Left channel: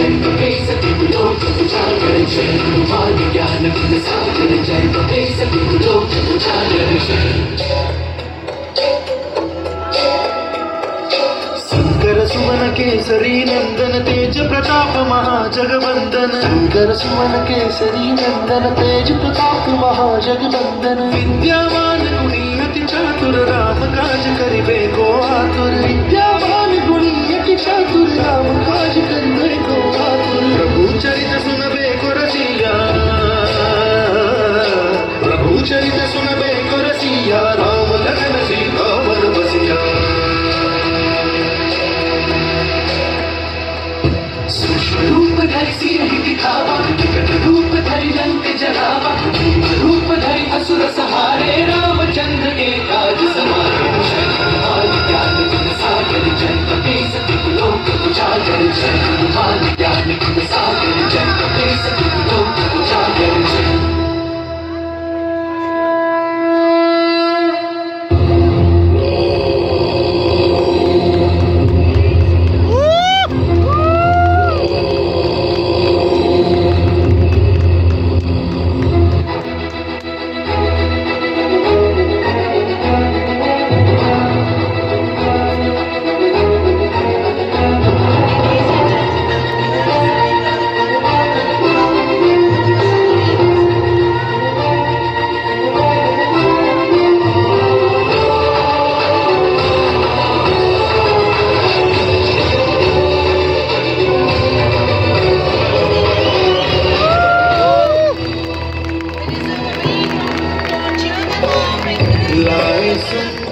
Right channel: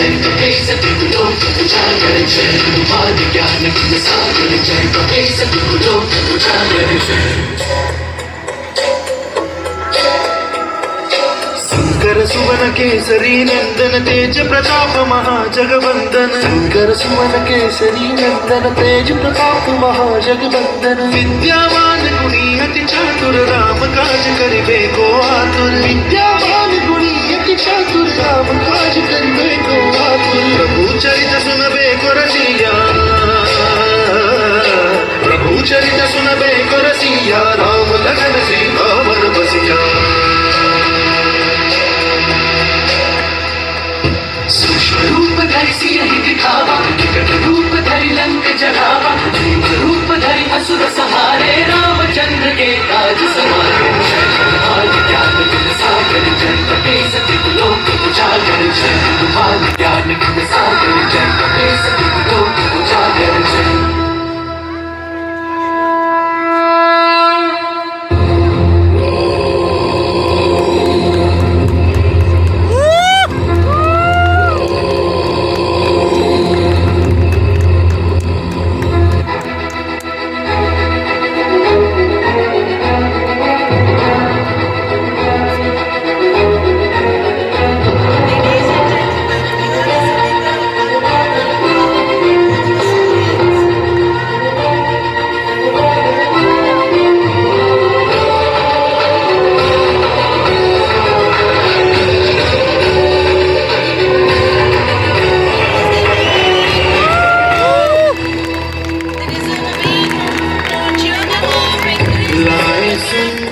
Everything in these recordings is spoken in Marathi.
जय कपी सतगुलोक उजागर जय हनुमान ज्ञान गुण सागर जय कपी सतगुलोक उजागर जय शंकर सुवन केसरी नंदन तेज प्रताप महाजगवंदन शंकर सुवन केसरी नंदन तेज प्रताप महाजगवंदन विद्यावान गुणी अति चातुर राम काज करिबे को आतुर विद्यावान गुणी अति चातुर राम काज करिबे को आतुर प्रभु चरित सुनबे को रसिया प्रभु चरित सुनबे को रसिया राम लगन सीता वर बसिया सूक्ष्म रूप धरि सियहि दिखावा विकट रूप धरि लंक जरावा भीम रूप धरि असुर सहारे रामचंद्र के काज सवारे जय हनुमान ज्ञान गुण सागर जय कपी सतगुलोक उजागर जय हनुमान ज्ञान गुण सागर जय कपी सतगुलोक उजागर जय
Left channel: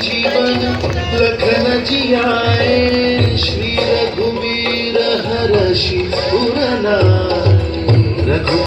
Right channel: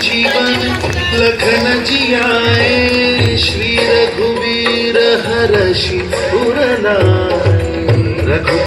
जीवन लखन जियाए श्री रघुवीर हरषि पुरना रघु